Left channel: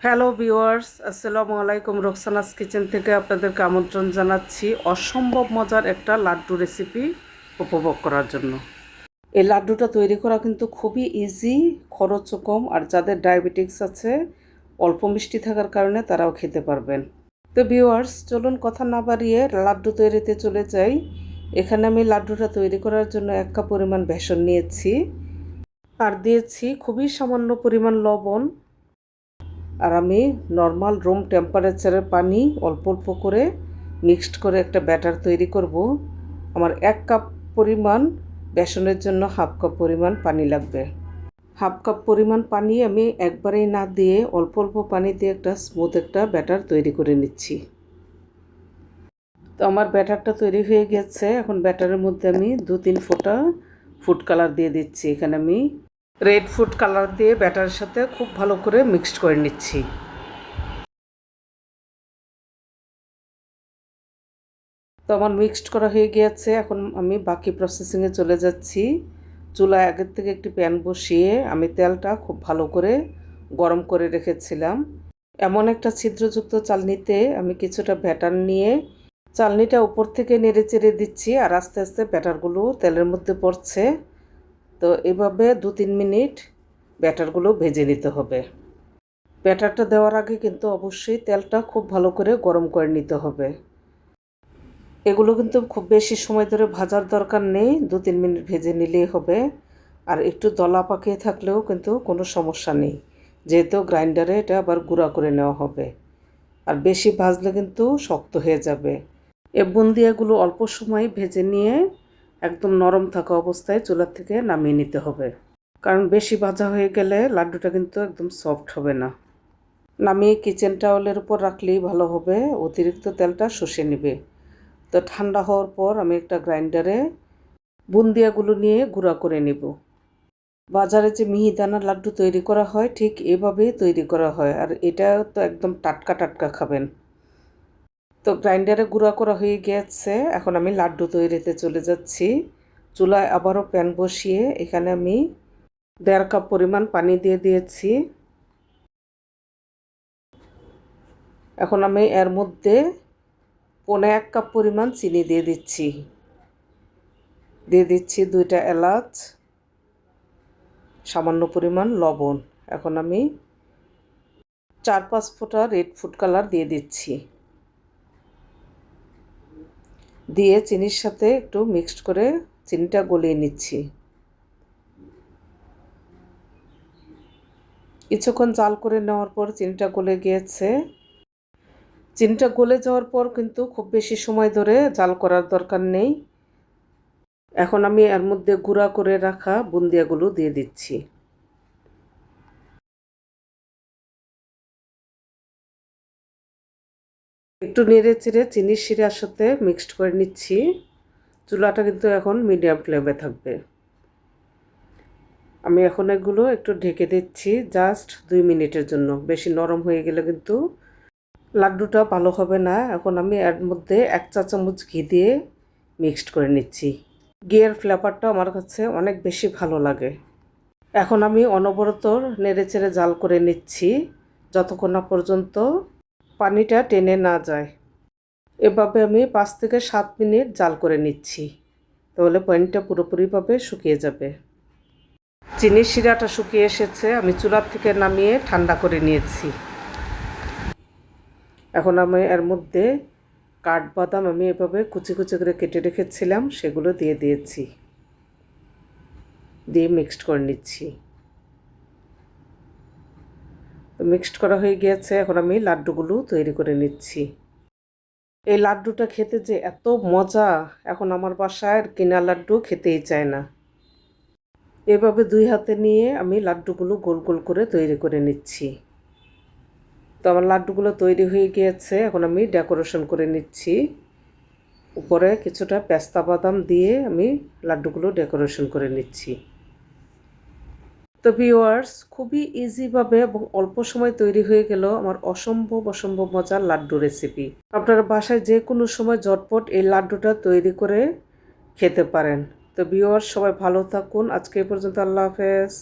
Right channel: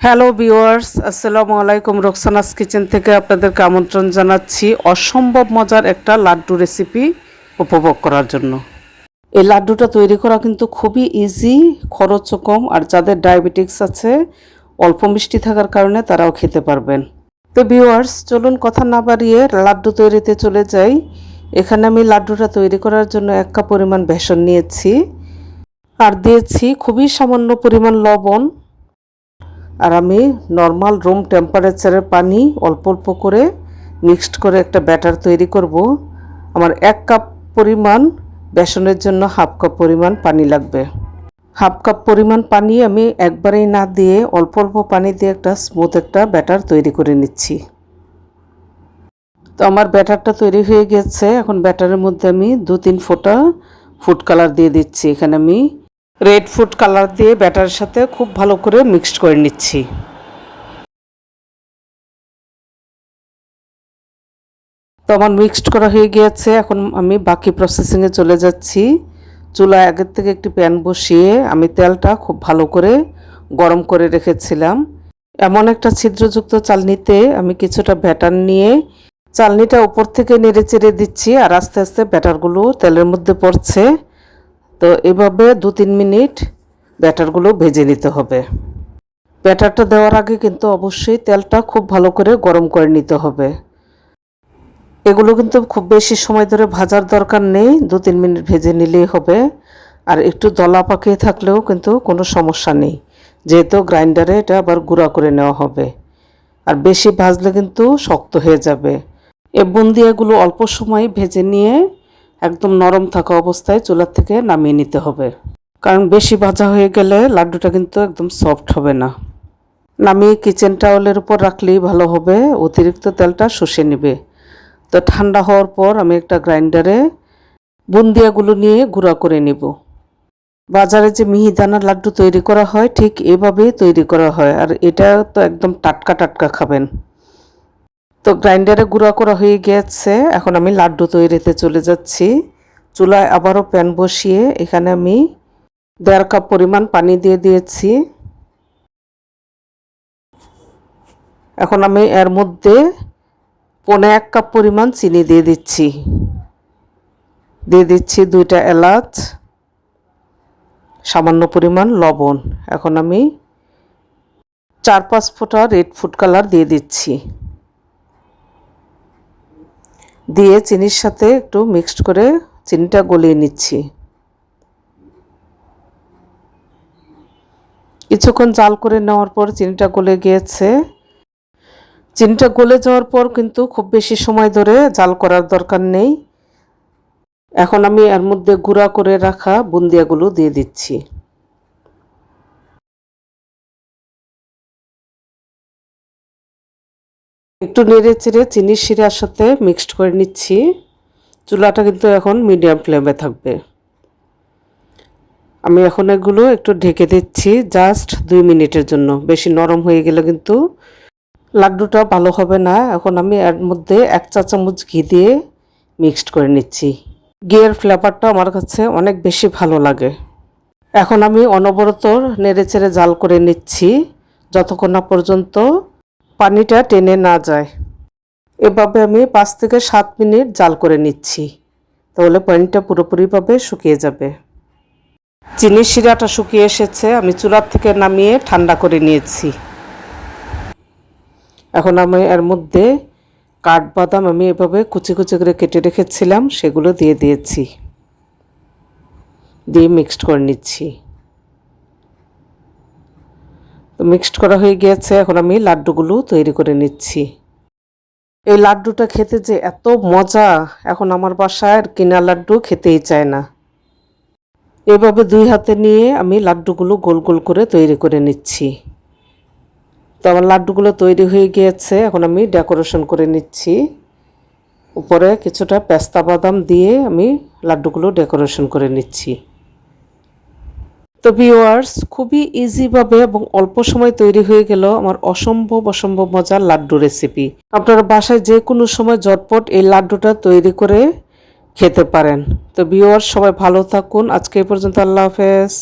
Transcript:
Hello viewers আসসালামু আলাইকুম Roksana's kitchen থেকে আপনাদেরকে আমন্ত্রণ জানাচ্ছি অসম্ভব মজার একটা লাড্ডু রেসিপি উপভোগ করার জন্য। এই লাড্ডুটা তৈরি করা কিন্তু খুবই ইজি খরচও কম, আর যাদের ডায়াবেটিক্স আছে, অল্প মিষ্টি থাকার কারণে তারাও খেতে পারবেন। তো ভিউয়ার্স চলুন কথা না বাড়িয়ে লাড্ডু তৈরিতে চলে যাই। এখানে আমি লাড্ডুটা তৈরি করার জন্য এক কাপ পরিমাণ বেসন নিয়েছি। আর দিয়েছি খুবই সামান্য পরিমাণ লবণ। আর আমি নর্মাল রুম টেম্পারেচারের পানি অল্প অল্প করে মিক্সড করে একটা ব্যাটার তৈরি করব। আমার এক কাপ পরিমাণ বেসনের জন্য হাফ কাপ পরিমাণ পানি লাগবে। হাফ কাপ পরিমাণ পানি আমি একবারেই না দিয়ে অল্প অল্প পানি দিয়ে একটা স্মুথ একটা ব্যাটার তৈরি করে নিচ্ছি। তো আমার ব্যাটারটা তৈরি হয়ে গেছে। এখন ব্যাটারের মধ্যে আমি দু তিন ফোঁটা ফুড কালার দিয়ে দিচ্ছি। এখানে আমি রেড ফুড কালার দিয়ে ব্যাটারের সাথে খুব ভালো করে মিক্সড করে নিচ্ছি। তো আমার মিক্সড করা হয়ে গিয়েছে, এখন আমি বাকি প্রসেসিংয়ে চলে যাচ্ছি। চুলা আগের থেকে একটি প্যান বসিয়ে আমি তেলটা খুব ভালো করে গরম করে রেখেছিলাম। এমন একটা ছিদ্রযুক্ত চালনিতে আমি কিছুটা ব্যাটার নিয়ে চালনিটা উপর থেকে নেড়ে চেড়ে দিচ্ছি আর আস্তে আস্তে ব্যাটারগুলো তেলের মধ্যে পড়ছে। তো এভাবে দু তিন মিনিট ব্যাটারগুলো ভেজে নিতে হবে। ব্যাটারটা দেওয়ার আগে কিন্তু অবশ্যই তেলটা খুব ভালো করে গরম করে নিতে হবে। এগুলো কিন্তু খুব বেশি সময় ধরে ভাজার দরকার নেই দু তিন মিনিট ভেজে নিলেই হবে। আর একটু দলা পাকিয়ে থাকলেও কিন্তু কোনো সমস্যা নেই, যেহেতু গ্রাইন্ডারে এটা আবার গুঁড়া করে নেওয়া হবে। আর বেশি ভাজলে কিন্তু শক্ত হয়ে যাবে। এ বুন্দিয়াগুলো অল্প সময় ভেজে নিয়ে একদম নরম থাকা অবস্থায় চুলার থেকে নামিয়ে নিতে হবে। কারণ বেশি ভাজা হয়ে গেলে লাড্ডুটা কিন্তু একদম সফট হবে না। নামিয়ে কিচেন টাওয়ালের উপর রাখলেই ভালো হবে, অতিরিক্ত তেলটা শুষে নেবে। তো ঠান্ডা হওয়ার পর আমি একটা গ্রাইন্ডারে বুন্দিয়াগুলো নিয়ে গুঁড়া করে নেব। বাজারে যে মিহিদানা লাড্ডু তৈরি করা হয়, ঠিক এভাবেই তৈরি করা হয়। আর এটা তো একদম টাটকা টাটকা খাবেন। তো গ্রাইন্ডারে গুঁড়া করা হয়ে গেছে। এখন আমি লাড্ডু তৈরিতে চলে যাচ্ছি। চুলায় আবারও প্যান বসিয়ে এখানে আমি দেড় কাপ পরিমাণ পানি দিয়ে দিয়েছি। এখন আমি এর মধ্যে পনে এক কাপ পরিমাণ চিনি দিয়ে দিচ্ছি। দিয়ে দিচ্ছি দুইটা এলাচ, সামান্য পরিমাণ লবণ। এখন আমি চার পাঁচ ফোঁটা রেড ফুড কালার দিয়ে দিচ্ছি। দিয়ে চিনির সাথে একটু মিক্সড করে চিনিটা গলিয়ে নিচ্ছি। কিছুক্ষণ জাল করে নেওয়ার পর চিনিটা গলে গিয়েছে। চিনিটা গলে যাওয়ার পর কিন্তু খুব বেশি সময় ধরে জাল করার দরকার নেই। এখন আমি এর মধ্যে গুঁড়া করে রাখা বুন্দিয়াগুলো দিয়ে দিচ্ছি। একটু নেড়ে চেড়ে চিনির শিরার সাথে মিক্সড করে নিচ্ছি। চুলাটা কিন্তু এখন মিডিয়াম ফ্লেমে থাকবে। আমি এখন এগুলো একটু ঢেকে দিচ্ছি জাস্ট দুই মিনিটের জন্য। বেশি নরম হয়ে গেলে কিন্তু লাড্ডুটা ভালো হবে না। এখন আমি এর মধ্যে এক চা চামচ ঘি দিয়ে মিক্সড করে নিচ্ছি। ঘিয়ের ফ্লেভারটা আমার কাছে অনেক বেশি ভালো লাগে। এখন আমি অনবরত নেড়ে চেড়ে জাল করে নিচ্ছি। যতক্ষণ না পর্যন্ত পানিটা টেনে না যায়। এভাবে আমি পাঁচ থেকে সাত মিনিট জাল করে নিচ্ছি। তাহলে পানিটা পুরোপুরিভাবে শুকিয়ে যাবে। চিনির শিরাটা শুকিয়ে এসেছে, আমি চুলার থেকে নামিয়ে ঠান্ডা করে নিয়েছি। এখন আমি এর মধ্যে কাঠবাদাম আমি এভাবে কুচি কুচি করে কেটে রেখেছিলাম, সেগুলো দিয়ে দিয়েছি। দিয়ে মিক্সড করে নিচ্ছি। মিক্সড করা হয়ে গিয়েছে। এখন আমি লাড্ডুগুলো তৈরি করে নিচ্ছি। এই লাড্ডুটা খেতে যে এত মজা, এখন আমার বাসায় কিনা লাড্ডু খেতেই চায় না। এভাবে দুই হাতে নিয়ে আমি লাড্ডুগুলো গোল গোল করে তৈরি করে নিচ্ছি। তো আমার লাড্ডুগুলো তৈরি হয়ে গিয়েছে। এখন আমি ডেকোরেশন করে নিচ্ছি। উপরে কিছুটা পেস্তা বাদাম দিয়ে আমি লাড্ডুগুলো ডেকোরেশন করে নিচ্ছি। তো ভিওয়ার্স খুবই ইজিভাবে এবং অল্প সময় তৈরি হয়ে গেল আমার অসম্ভব অসম্ভব মজার লাড্ডু রেসিপি আপনারা বাসায় যে কোনো সময় ঝটপট এই লাড্ডুটা তৈরি করে খেতে পারেন। তো ভিওয়ার্স সবাই ভালো থাকুন। আজকে এই পর্যন্ত আল্লাহ হাফেজ।